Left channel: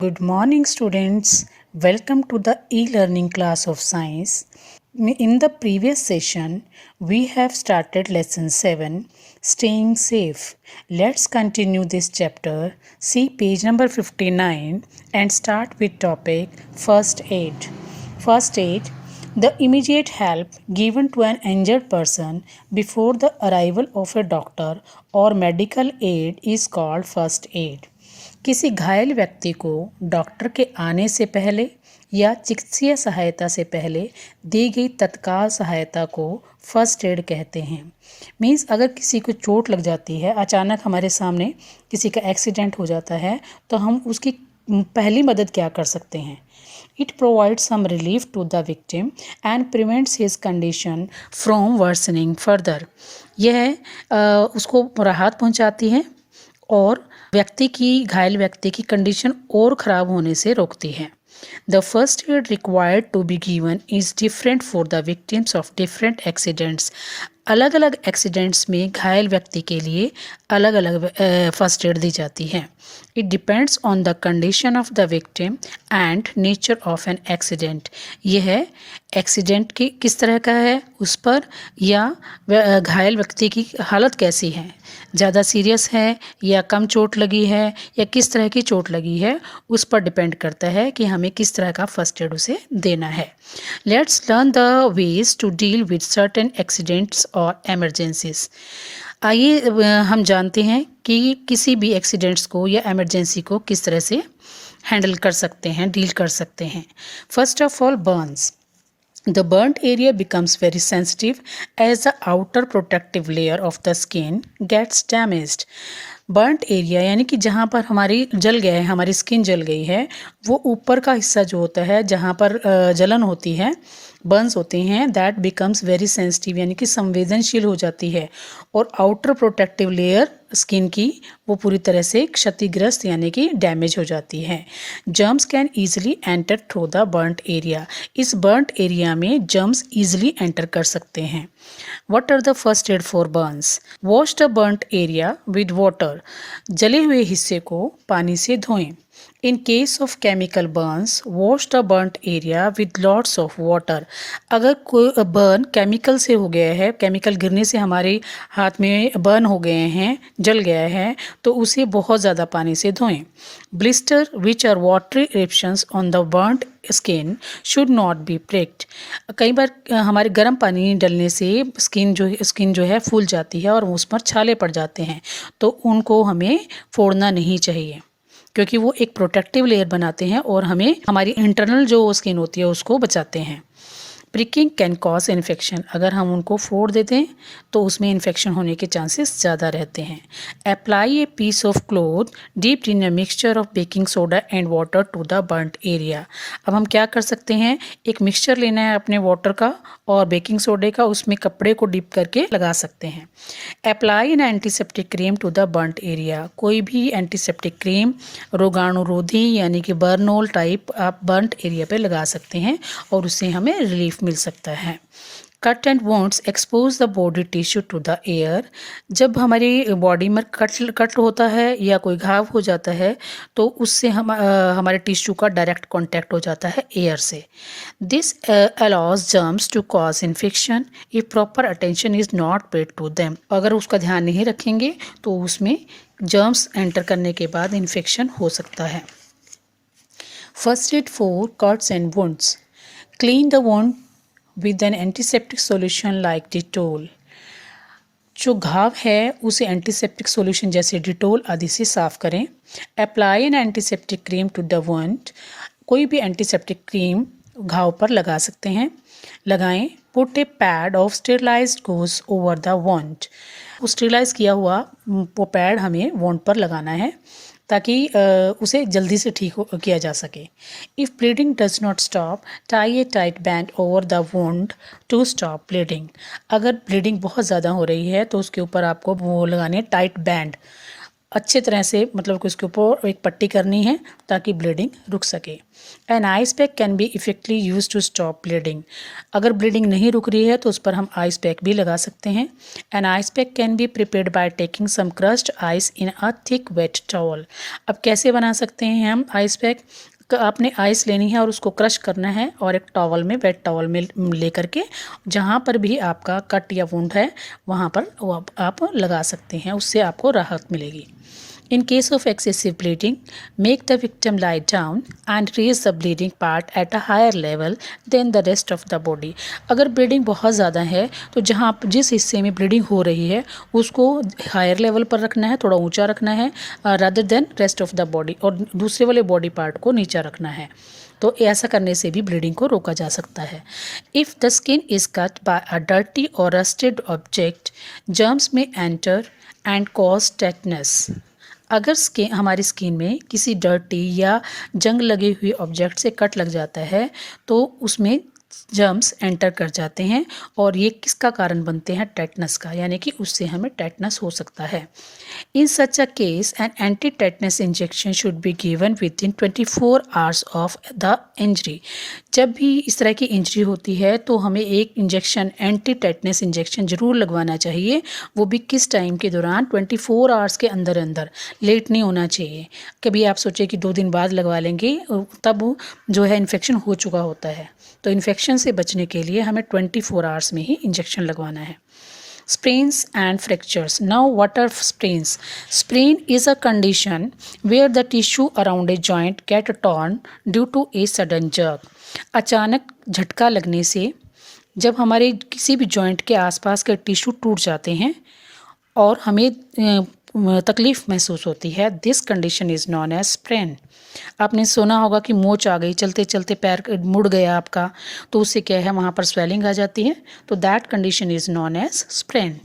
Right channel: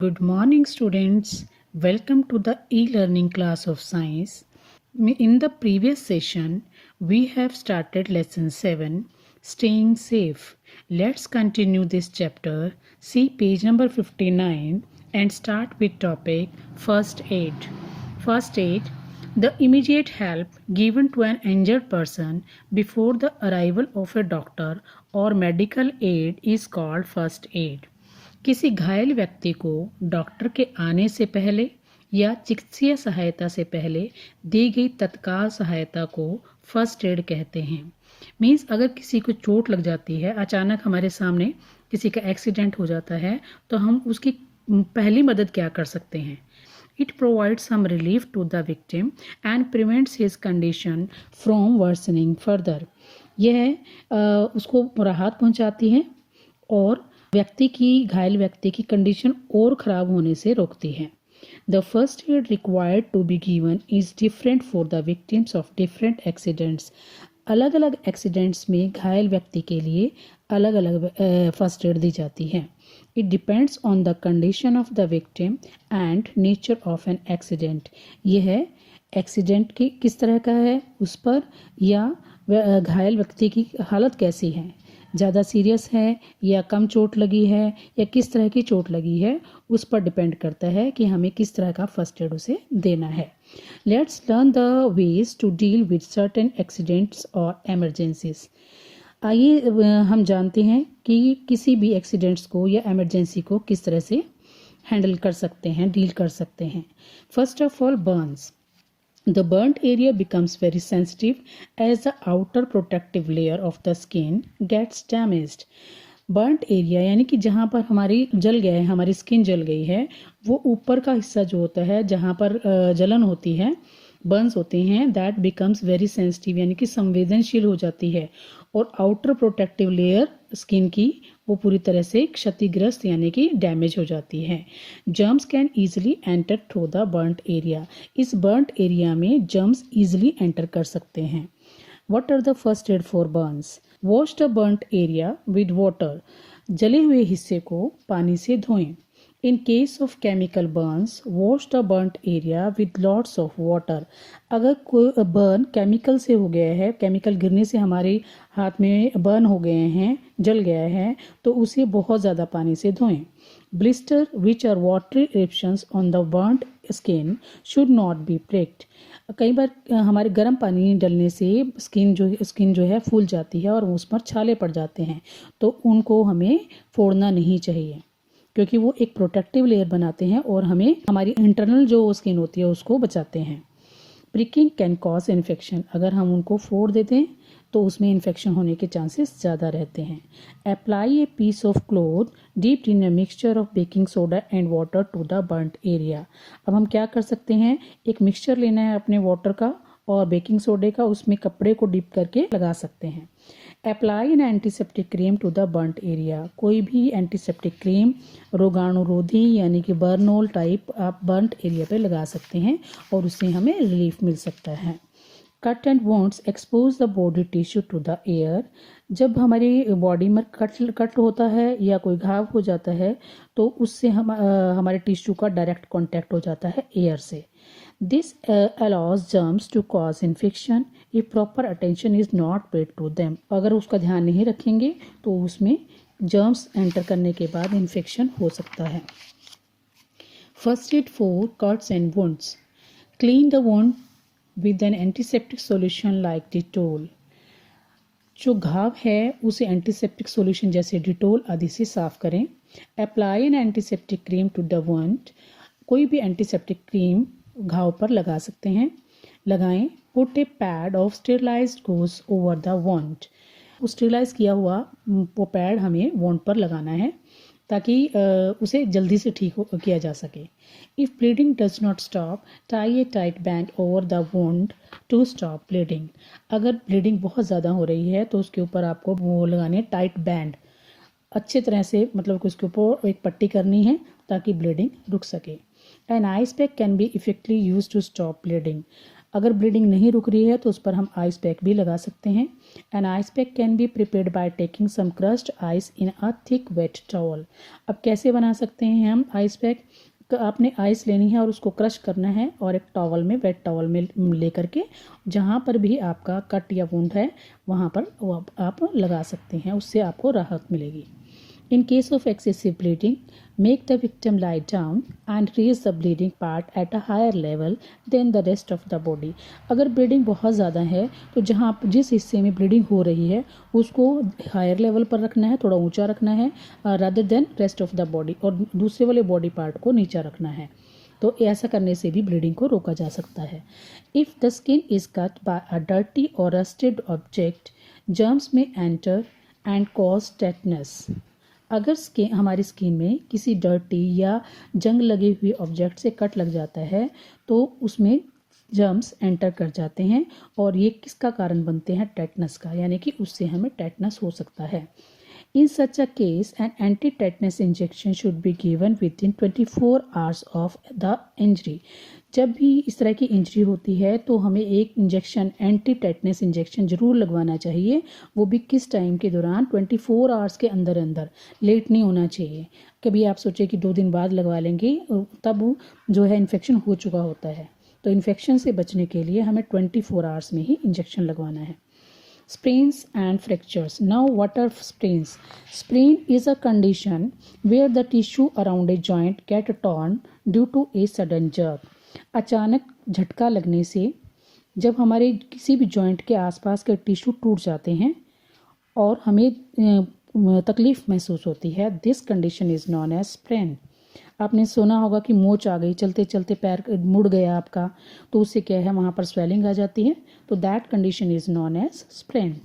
Good morning, students. Welcome to the e-learning class of science. In the previous session, we have started lesson 7, Staying Safe. Let's continue this chapter. See page number 59 and start with topic First Aid. First aid, the immediate help given to an injured person before the arrival of a doctor or medical aid is called first aid. किसी घायल व्यक्ति को doctor के आने से पहले या चिकित्सीय सहायता से पहले दी गई तत्काल सहायता को फर्स्ट एड कहते हैं। मीन्स अगर किसी को चोट लग जाती है, अचानक हमारे सामने किसी का एक्सीडेंट हो जाता है, तो हम उसकी पहली मदद क्या कर सकते हैं? It provides some relief to the victim and prevents his condition from worsening further. यह उसको राहत पहुंचाती है और घायल व्यक्ति की कंडीशन और ख़राब होने से रोकती है। The first aid required to be given is different for the victims of different accidents. अलग अलग एक्सीडेंट्स में घायल व्यक्ति के लिए अलग अलग फर्स्ट एड दी जाती है। It depends on the condition of the victim and nature of an accident. यह एक्सीडेंट की किस तरह का है उस पर, या घायल व्यक्ति की हालत कैसी है, ज़्यादा सीरियस है या कम चोट लगी है या किस तरह की चोट लगी है, उस पर डिपेंड करता है कि हमें किस तरह का फर्स्ट एड उसे देना है। Let's learn the ways to deal with certain accidents और एमरजेंसीज। आइए हम जानते हैं कि किसी भी एक्सीडेंट्स को या एमरजेंसी को किस तरह से हैंडल कर सकते हैं, डील कर सकते हैं। First of all, Burns. The burnt area becomes very sensitive as the outer protective layer of the skin gets damaged. Burnt area यानी कि जहाँ पर हमारी जल गया है, हमारी स्किन जल गई है, वो ऊपर का हिस्सा जो होता है जहाँ पर जलन होती है, बर्न्स होते हैं, दैट बिकम्स वेरी सेंसिटिव यानी कि संवेदनशील हो जाती है, और आउटर प्रोटेक्टिव लेयर स्किन की वो पूरी तरह से क्षतिग्रस्त यानी कि डैमेज हो जाती है। Germs can easily enter through the burnt area. इस बर्नट एरिया में जर्म्स ईजिली एंटर कर सकते हैं। What are the first aid for burns? Wash the burnt area with water. जले हुए हिस्से को पानी से धोएं। In case of chemical burns, wash the burnt area with lots of water. अगर कोई बर्न केमिकल से हो गया है, केमिकल गिरने से हमारे हाथ में बर्न हो गए हैं, जल गया है, तो उसे बहुत ज़्यादा पानी से धोएं। Blister which are watery eruptions on the burnt skin should not be pricked. कई बार हमारे गर्म पानी डलने से स्किन जो है फूल जाती है और उस पर छाले पड़ जाते हैं, तो उनको हमें फोड़ना नहीं चाहिए, क्योंकि वो एक प्रोटेक्टिव लेयर बनाते हैं और हमें हमारी इंटरनल जो स्किन होती है उसको बचाते हैं। Pricking can cause infection. अगर हम उनको फोड़ देते हैं तो उसमें इन्फेक्शन होने के चांसेस ज़्यादा रहते हैं। Apply a piece of cloth dipped in a mixture of baking soda and water to the burnt area. अब हम क्या कर सकते हैं, एक मिक्सचर लेना है अपने वाटर का और बेकिंग सोडे का, उसमें कपड़े को डिप करके लगा सकते हैं। Apply an antiseptic cream to the burnt area. कोई भी एंटीसेप्टिक क्रीम रोगाणुरोधी यानी कि बर्नोल टाइप आप बर्नट एरिया पे लगा सकते हैं और उससे हमें रिलीफ मिल सकता है। Cut and wants expose the body tissue to the air. जब हमारी बॉडी में कट होता है या कोई घाव हो जाता है तो उससे हमारे टिश्यू का डायरेक्ट कांटेक्ट हो जाता है एयर से। This allows germs to cause infection if proper attention is not paid to them. अगर उसका ध्यान नहीं रखेंगे तो उसमें जर्म्स एंटर करने के बाद इन्फेक्शन हो सकता है। First aid for cuts and wounds. Clean the wound with an antiseptic solution like Dettol. जो घाव है उसे एंटीसेप्टिक सॉल्यूशन जैसे डिटोल आदि से साफ करें। Apply an antiseptic cream to the wound. कोई भी एंटीसेप्टिक क्रीम घाव पर लगा सकते हैं, लगाएं। Put a pad of sterilized gauze over the wound. वो स्टेरिलाइज किया हुआ वो पैड हमें वुंड पर लगाना है ताकि उसे जल्दी से ठीक किया जा सके। If bleeding does not stop, tie a tight band over the wound to stop bleeding. अगर ब्लीडिंग बहुत ज़्यादा हो रही है तो उसके ऊपर आपको वो लगाने टाइट बैंड, अच्छे तरह से मतलब कि उसके ऊपर एक पट्टी करनी है ताकि ब्लीडिंग रुक सके। An ice pack can be effectively use to stop bleeding. अगर ब्लीडिंग नहीं रुक रही है तो उस पर हम आइस पैक भी लगा सकते हैं। An ice pack can be prepared by taking some crushed ice in a thick wet towel. अब कैसे बना सकते हैं हम आइस पैक? आपने आइस लेनी है और उसको क्रश करना है और एक टॉवल में, वेट टॉवल में ले करके जहाँ पर भी आपका कट या वुंड है वहाँ पर वो आप लगा सकते हैं, उससे आपको राहत मिलेगी। In case of excessive bleeding, make the victim lie down and raise the bleeding part at a higher level than the rest of the body. अगर ब्लीडिंग बहुत ज़्यादा है तो जहाँ जिस हिस्से में ब्लीडिंग हो रही है उसको हायर लेवल पर रखना है, थोड़ा ऊंचा रखना है rather than rest of the body, और दूसरे वाले बॉडी पार्ट को नीचा रखना है। तो ऐसा करने से भी ब्लीडिंग को रोका जा सकता है। If the skin is cut by a dirty और रस्टेड ऑब्जेक्ट, जर्म्स में एंटर एंड कॉज टेटनस। अगर हमारी स्किन में किसी डर्टी या जंग लगे हुए ऑब्जेक्ट से कट लग जाता है तो उसमें जर्म्स एंटर कर जाते हैं और ये किसका कारण बनते हैं? टेटनस का, यानी कि उससे हमें टेटनस हो सकता है। In such a case an anti tetanus injection should be given within 24 hours of the injury. जब भी इस तरह की इंजरी होती है तो हमें एक इंजेक्शन, एंटी टेटनस इंजेक्शन ज़रूर लगवाना चाहिए। वो भी किस टाइम के दौरान? 24 आवर्स के अंदर अंदर, लेट नहीं होना चाहिए। कभी आप सोचें कि 2 दिन बाद लगवा लेंगे, तब जो है इन्फेक्शन हो चुका होता है। तो इन्फेक्शन से बचने के लिए हमें 24 आवर्स में ही इंजेक्शन लगवाना है। Sprains and fractures. Now, what are sprains? Sprain is a condition where the tissue around a joint get torn due to a sudden jerk. अचानक झटका लगने से जब हमारे किसी भी जॉइंट के आसपास के टिश्यू टूट जाते हैं और हमें तकलीफ़ महसूस होती है, this condition is known as sprain. आपने सुना होगा कि मोच आ गई, चलते चलते पैर मुड़ गया आपका, तो उससे क्या है, वहाँ पर स्वेलिंग आ जाती है, तो that condition is known as sprain.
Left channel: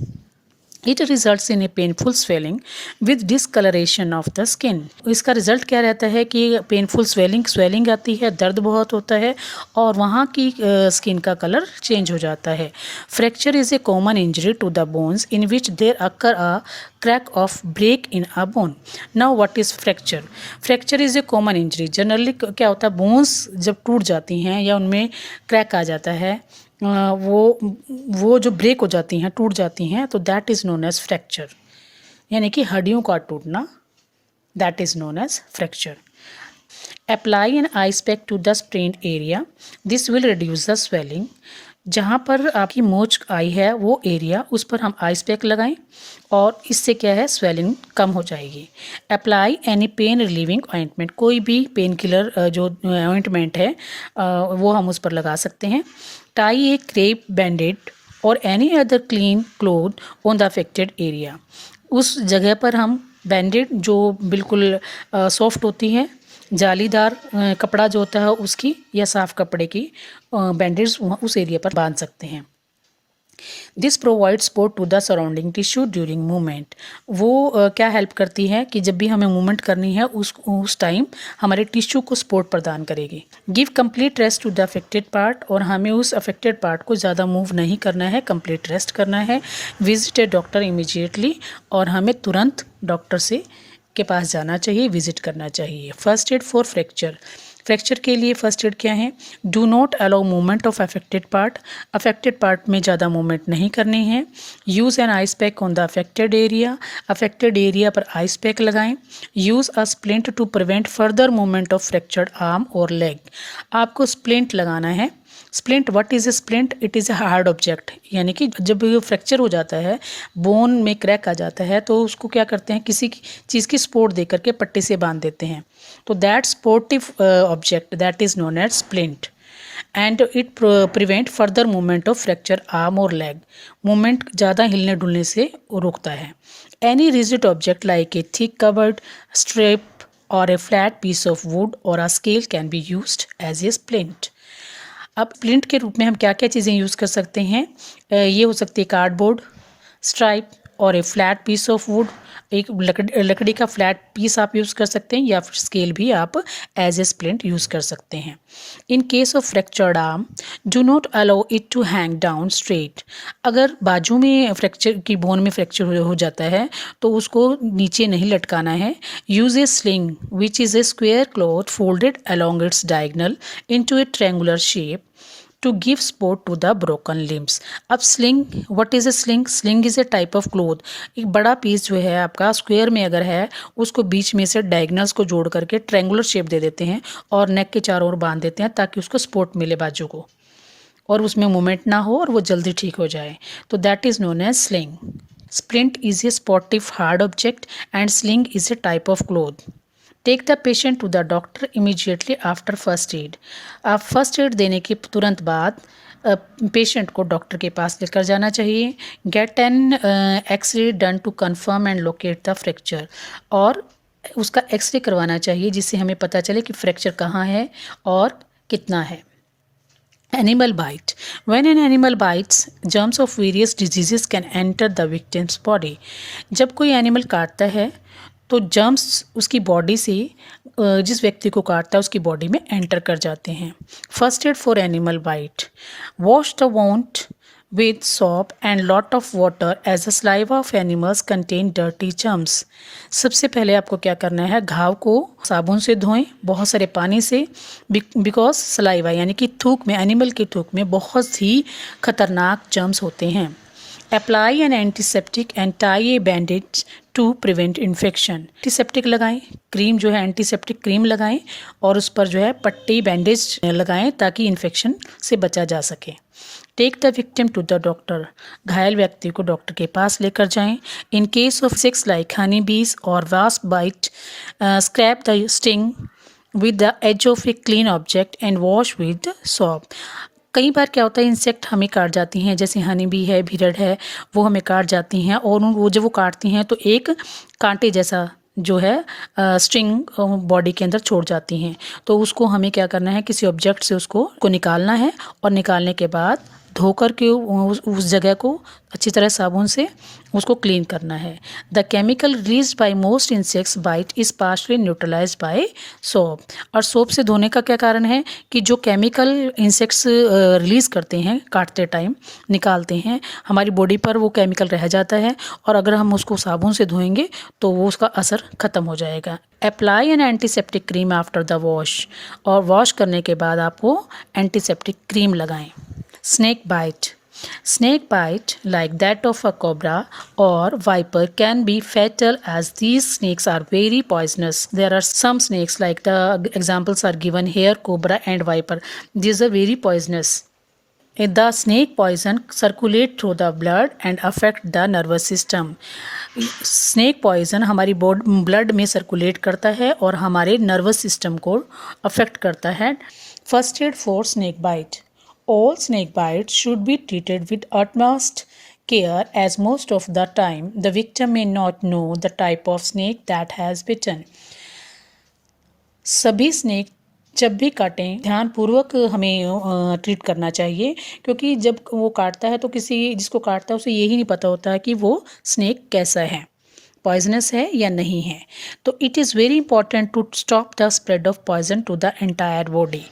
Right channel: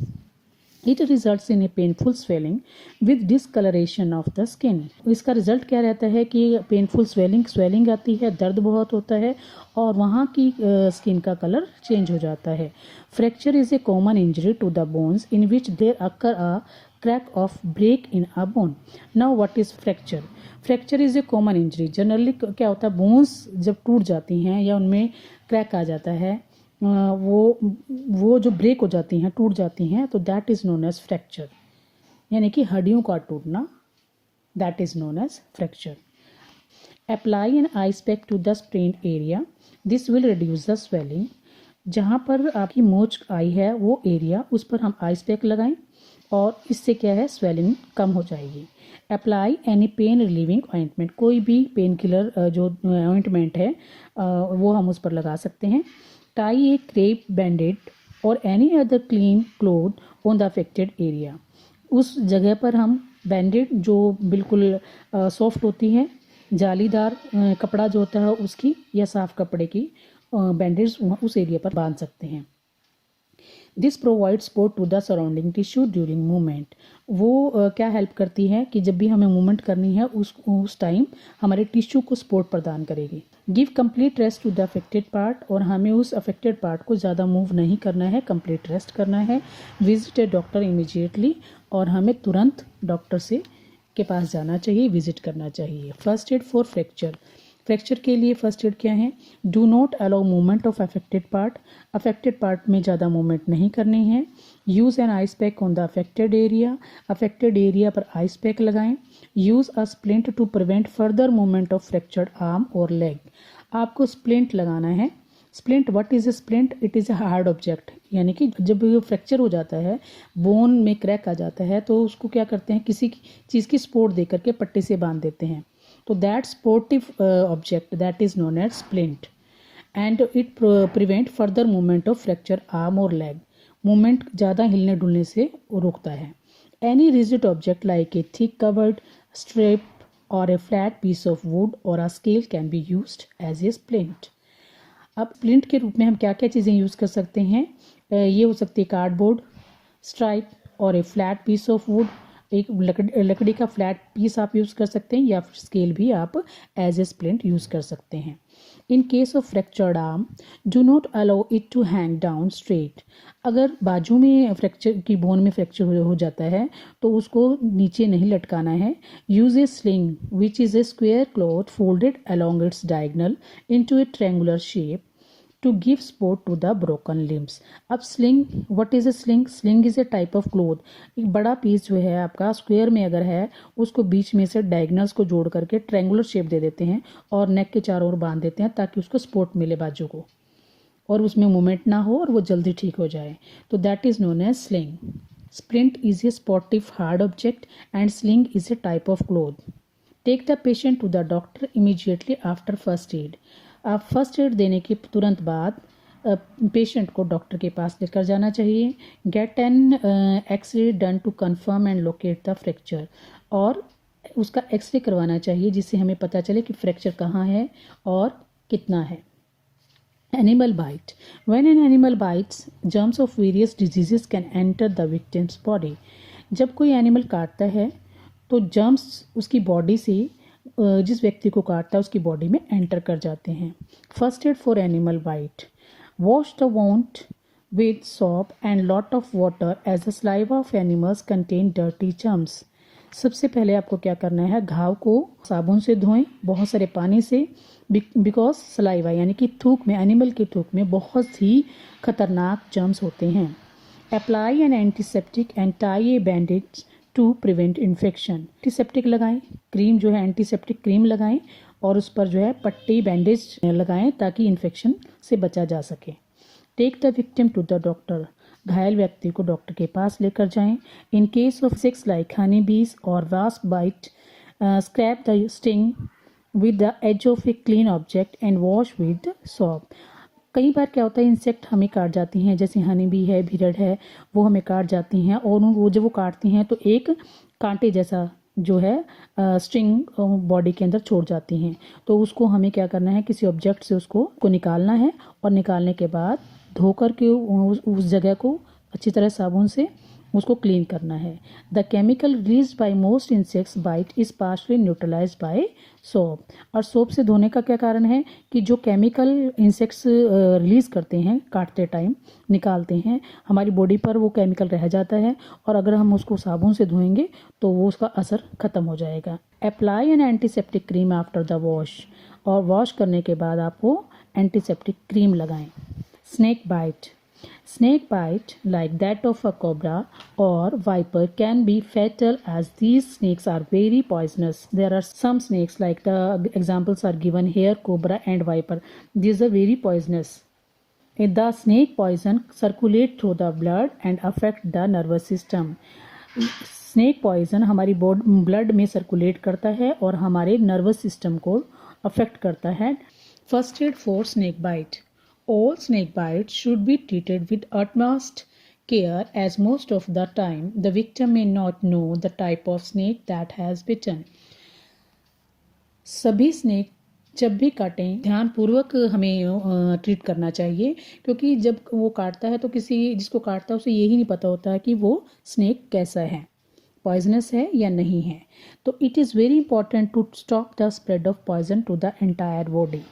It results in a painful swelling with discoloration of the skin. इसका रिजल्ट क्या रहता है कि पेनफुल स्वेलिंग आती है, दर्द बहुत होता है और वहाँ की स्किन का कलर चेंज हो जाता है। Fracture is a common injury to the bones in which there occur a crack of break in a bone. Now what is fracture? Fracture is a common injury. Generally क्या होता है, bones जब टूट जाती हैं या उनमें क्रैक आ जाता है, वो जो ब्रेक हो जाती हैं, टूट जाती हैं, तो that is known as fracture, यानी कि हड्डियों का टूटना, that is known as fracture. Apply an ice pack to the sprained area, this will reduce the swelling. जहाँ पर आपकी मोच आई है वो एरिया, उस पर हम आइस पैक लगाएं और इससे क्या है, स्वेलिंग कम हो जाएगी। Apply any pain relieving ointment, कोई भी पेन किलर जो ऑइंटमेंट है वो हम उस पर लगा सकते हैं। टाई ए क्रेप बैंडेड और any other clean cloth on the affected area, उस जगह पर हम बैंडेड जो बिल्कुल सॉफ्ट होती है, जालीदार कपड़ा जो होता है उसकी, या साफ़ कपड़े की बैंडेज उस एरिया पर बांध सकते हैं। This provide support to the surrounding tissue during movement. वो क्या हेल्प करती है कि जब भी हमें मूवमेंट करनी है उस टाइम हमारे टिश्यू को सपोर्ट प्रदान करेगी। Give complete rest to the affected part, और हमें उस अफेक्टेड पार्ट को ज़्यादा मूव नहीं करना है, कंप्लीट रेस्ट करना है। विजिट ए डॉक्टर इमीडिएटली, और हमें तुरंत डॉक्टर से के पास जाना चाहिए, विजिट करना चाहिए। First aid for fracture, fracture के लिए फर्स्ट एड क्या है? Do not allow movement of affected part, affected part में ज़्यादा मूवमेंट नहीं करनी है। Use an ice pack on the affected area, affected area पर आइस पैक लगाएं। Use a splint to prevent further movement of fractured arm और leg, आपको splint लगाना है। Splint, what is a splint? It is a hard object, यानी कि जब fracture हो जाता है, बोन में क्रैक आ जाता है, तो उसको क्या करते हैं, किसी चीज़ की सपोर्ट दे करके पट्टी से बांध देते हैं, तो that supportive object that is known as splint, and it prevent further movement of fracture arm और लेग, मूवमेंट ज़्यादा हिलने डुलने से रोकता है। Any rigid object like a thick covered strip और a flat piece of wood और a scale can be used as a splint. अब स्प्लिंट के रूप में हम क्या क्या चीज़ें यूज़ कर सकते हैं? ये हो सकती है कार्डबोर्ड, स्ट्राइप और a flat piece of would, एक लकड़ी का फ्लैट पीस आप यूज़ कर सकते हैं, या फिर स्केल भी आप एज ए स्प्लिंट यूज़ कर सकते हैं। In case of fractured arm, do not allow it to hang down straight. अगर बाजू में फ्रैक्चर की बोन में फ्रैक्चर हो जाता है तो उसको नीचे नहीं लटकाना है। Use A sling which is a square cloth folded along its diagonal into A triangular shape to give support to the broken limbs। अब sling, what is A sling? Sling is a type of cloth. एक बड़ा piece जो है आपका square में अगर है, उसको बीच में से डायगनल्स को जोड़ करके ट्रायंगुलर शेप दे देते हैं और नेक के चारों ओर बांध देते हैं ताकि उसको सपोर्ट मिले बाजू को, और उसमें मूवमेंट ना हो और वो जल्दी ठीक हो जाए, तो that is known as sling. Splint is a sportive hard object and sling is a type of cloth. Take the patient to the doctor immediately after first aid. आप फर्स्ट एड देने के तुरंत बाद पेशेंट को doctor के पास लेकर जाना चाहिए। Get an x-ray done to confirm and locate the fracture. और उसका एक्सरे करवाना चाहिए जिससे हमें पता चले कि फ्रैक्चर कहाँ है और कितना है। Animal bite. When an animal bites, germs of various diseases can enter the victim's body। जब कोई एनिमल काटता है तो जर्म्स उसकी बॉडी से, जिस व्यक्ति को काटता है उसकी बॉडी में एंटर कर जाते हैं। First aid for animal bite. Wash the wound with soap and lot of water as the saliva of animals contain dirty germs। सबसे पहले आपको क्या करना है, घाव को साबुन से धोएं बहुत सारे पानी से, बिकॉज सलाइवा यानी कि थूक में, एनिमल की थूक में बहुत ही खतरनाक जर्म्स होते हैं। Apply an antiseptic and tie a bandage to prevent infection. Antiseptic लगाएं, क्रीम जो है एंटीसेप्टिक क्रीम लगाएं और उस पर जो है पट्टी बैंडेज लगाएं ताकि इन्फेक्शन से बचा जा सके। Take the victim to the doctor. घायल व्यक्ति को डॉक्टर के पास लेकर जाएं। In case of sex like honey bees और wasp bite, scrape the sting with the edge of a clean object and wash with soap. कई बार क्या होता है, इंसेक्ट हमें काट जाती हैं, जैसे हनी बी है, भीरड़ है, वो हमें काट जाती हैं और वो जब वो काटती हैं तो एक कांटे जैसा जो है स्ट्रिंग बॉडी के अंदर छोड़ जाती हैं। तो उसको हमें क्या करना है, किसी ऑब्जेक्ट से उसको निकालना है और निकालने के बाद धो कर के उस जगह को अच्छी तरह साबुन से उसको क्लीन करना है। The chemical release by most insects bite is partially neutralise by soap. और सोप से धोने का क्या कारण है कि जो केमिकल इंसेक्ट्स रिलीज़ करते हैं काटते टाइम, निकालते हैं, हमारी बॉडी पर वो केमिकल रह जाता है और अगर हम उसको साबुन से धोएंगे तो वो उसका असर ख़त्म हो जाएगा। Apply an antiseptic cream after the wash. और वॉश करने के बाद आपको एंटीसेप्टिक क्रीम लगाएं। Snake bite. Snake bite, like that of a cobra or viper, can be fatal as these snakes are very poisonous. There are some snakes, like the examples are given here, cobra and viper. These are very poisonous. The snake poison circulate through the blood and affect the nervous system. Snake poison हमारी blood में circulate करता है और हमारे nervous system को affect करता है। First aid for snake bite. All snake bites should be treated with utmost care as most of the time the victim may not know the type of snake that has bitten। सभी snake जब भी काटें ध्यानपूर्वक हमें treat करना चाहिए, क्योंकि जब वो काटता है तो किसी जिसको काटता है उसे यही नहीं पता होता है कि वो स्नेक कैसा है, पॉइजनस है या नहीं है। तो it is very important to stop the spread of poison to the entire body.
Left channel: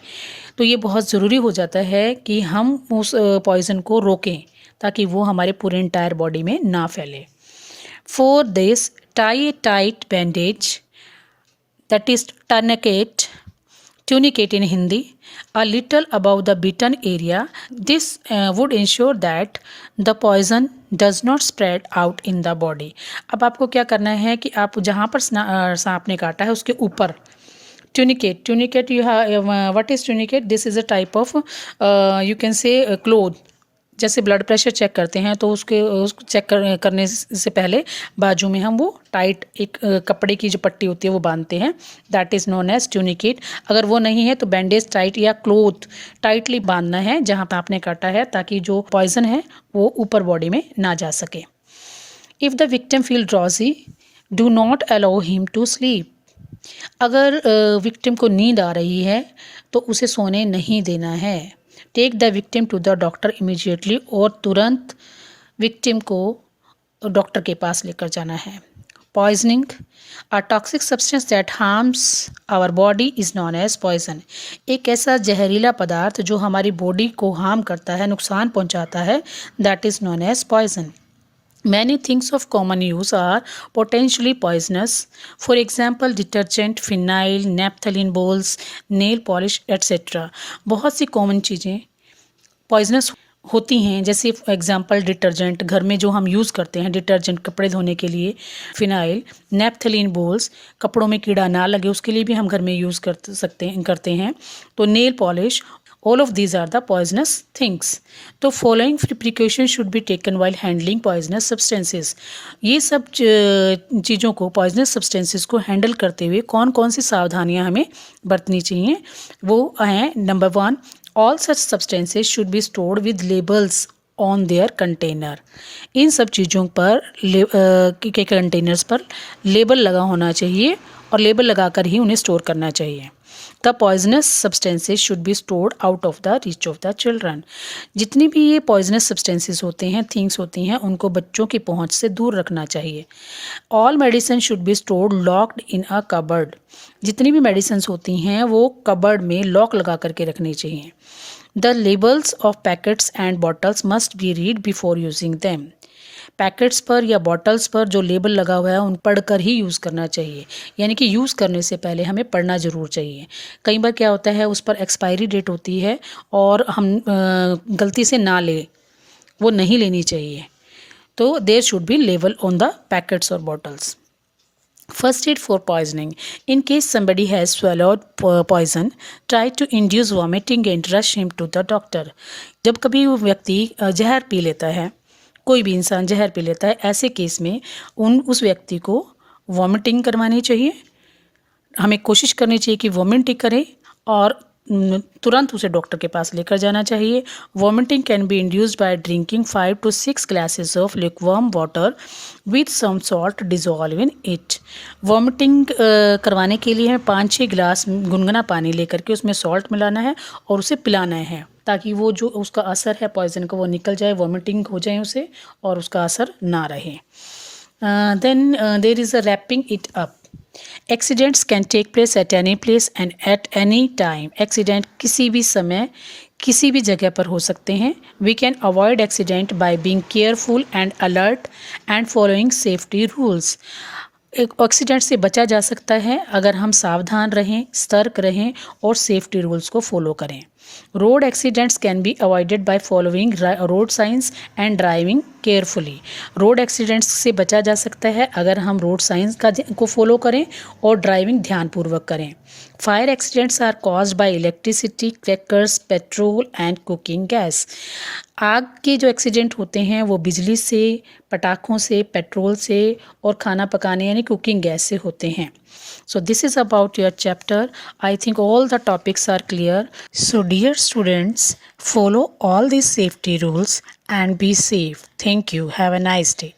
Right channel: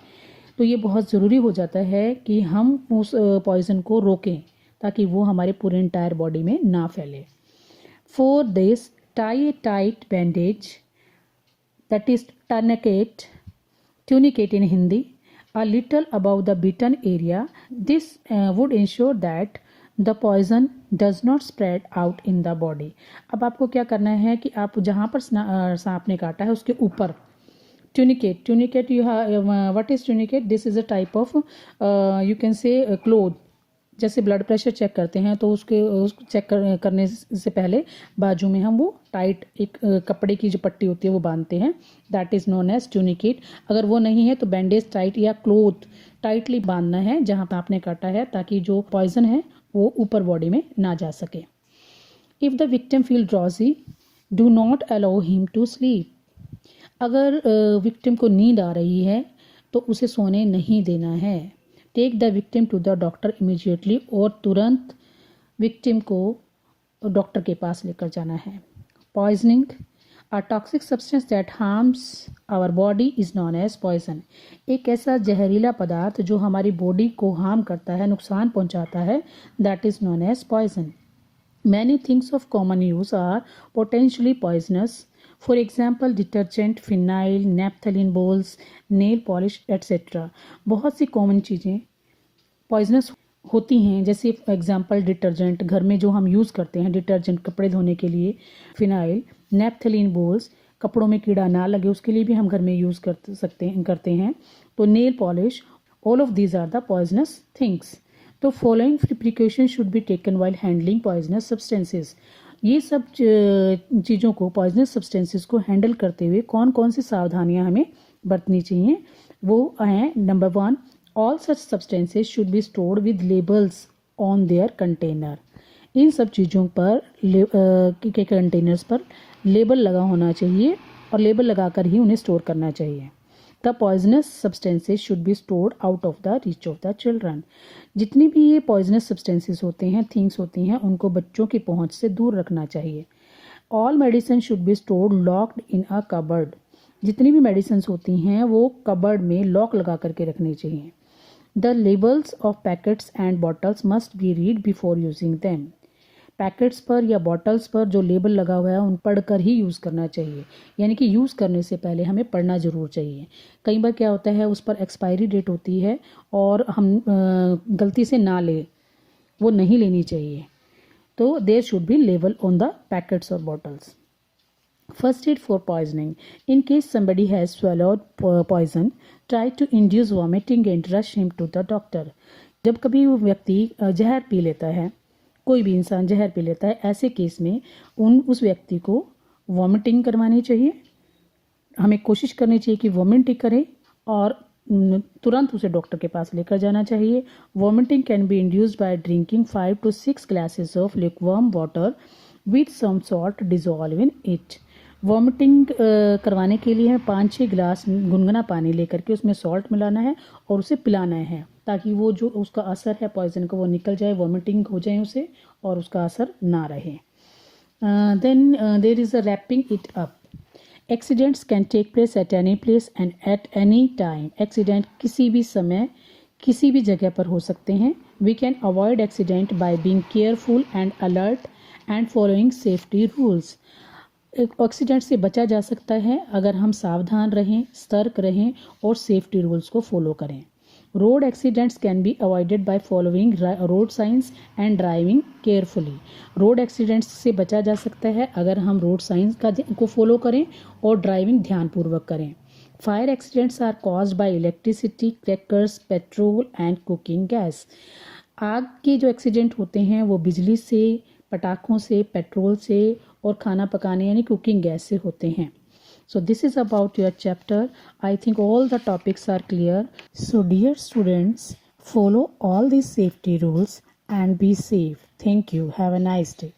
तो ये बहुत ज़रूरी हो जाता है कि हम उस पॉइज़न को रोकें ताकि वो हमारे पूरे एंटायर बॉडी में ना फैले। For this tie a tight bandage, that is tourniquet, tunicate in Hindi, a little above the bitten area। This would ensure that the poison does not spread out in the body। अब आपको क्या करना है कि आप जहाँ पर सांप ने काटा है उसके ऊपर tunicate you have, what is tunicate? This is a type of you can say cloth। जैसे ब्लड प्रेशर चेक करते हैं तो उसको चेक करने से पहले बाजू में हम वो टाइट एक कपड़े की जो पट्टी होती है वो बांधते हैं, that is known as tourniquet. अगर वो नहीं है तो बैंडेज टाइट या क्लोथ टाइटली बांधना है जहाँ पर आपने काटा है ताकि जो पॉइजन है वो ऊपर बॉडी में ना जा सके। If the victim feel drowsy, do not allow him to sleep. अगर विक्टिम को नींद आ रही है तो उसे सोने नहीं देना है। Take the victim to the doctor immediately. और तुरंत विक्टिम को डॉक्टर के पास लेकर जाना है। Poisoning, a toxic substance that harms our body is known as poison. एक ऐसा जहरीला पदार्थ जो हमारी बॉडी को हार्म करता है, नुकसान पहुंचाता है, that is known as poison. Many things of common use are potentially poisonous. For example, detergent, phenyl, naphthalene balls, nail polish, etc. बहुत सी कॉमन चीज़ें पॉइजनस होती हैं, जैसे एग्जांपल डिटर्जेंट, घर में जो हम यूज़ करते हैं डिटर्जेंट कपड़े धोने के लिए, फिनाइल, नेपथलीन बोल्स, कपड़ों में कीड़ा ना लगे उसके लिए भी हम घर में यूज़ करते हैं। तो nail polish, all of these are the poisonous things. तो following precaution should be taken while handling poisonous substances. ये सब चीज़ों को, पॉइजनस सब्सटेंसेस को हैंडल करते हुए कौन कौन सी सावधानियां हमें बरतनी चाहिए, वो हैं number 1, all such substances should be stored with labels on their container. इन सब चीज़ों पर के कंटेनर्स पर लेबल लगा होना चाहिए और लेबल लगाकर ही उन्हें स्टोर करना चाहिए। The poisonous substances should be stored out of the reach of the children. जितनी भी ये पॉइजनस सब्सटेंसेस होते हैं, थिंग्स होती हैं, उनको बच्चों की पहुंच से दूर रखना चाहिए। All medicine should be stored locked in a cupboard. जितनी भी मेडिसिन होती हैं वो कबर्ड में लॉक लगा करके रखनी चाहिए। The labels of packets and bottles must be read before using them. Packets पर या बॉटल्स पर जो लेबल लगा हुआ है उन पढ़कर ही यूज़ करना चाहिए, यानी कि यूज़ करने से पहले हमें पढ़ना ज़रूर चाहिए। कई बार क्या होता है, उस पर एक्सपायरी डेट होती है और हम गलती से ना ले, वो नहीं लेनी चाहिए। तो there should be label on the packets और bottles. First aid for poisoning. In case somebody has swallowed poison, try to induce vomiting and rush him to the doctor. जब कभी वो व्यक्ति जहर पी लेता है, कोई भी इंसान जहर पी लेता है, ऐसे केस में उस व्यक्ति को वॉमिटिंग करवानी चाहिए। हमें कोशिश करनी चाहिए कि वॉमिटिंग करे और तुरंत उसे डॉक्टर के पास लेकर जाना चाहिए। Vomiting can be induced by drinking 5 to 6 glasses of lukewarm water with some salt dissolve in it. Vomiting करवाने के लिए हमें 5-6 गिलास गुनगुना पानी लेकर के उसमें सॉल्ट मिलाना है और उसे पिलाना है, ताकि वो जो उसका असर है पॉइजन का वो निकल जाए, वॉमिटिंग हो जाए उसे और उसका असर ना रहे। Then there is a wrapping it up. Accidents can take place at any place and at any time. Accident किसी भी समय किसी भी जगह पर हो सकते हैं। We can avoid accident by being careful and alert and following safety rules. Accident से बचा जा सकता है अगर हम सावधान रहें, सतर्क रहें और सेफ्टी रूल्स को फॉलो करें। Road accidents can be avoided by following road science and driving carefully. Road accidents से बचा जा सकता है अगर हम रोड साइंस को फॉलो करें और ड्राइविंग ध्यानपूर्वक करें। Fire accidents are caused by electricity, crackers, petrol and cooking gas. आग के जो एक्सीडेंट होते हैं वो बिजली से, पटाखों से, पेट्रोल से और खाना पकाने यानी कुकिंग गैस से होते हैं। So this is about your chapter. I think all the topics are clear. So dear students, follow all these safety rules and be safe. Thank you. Have a nice day.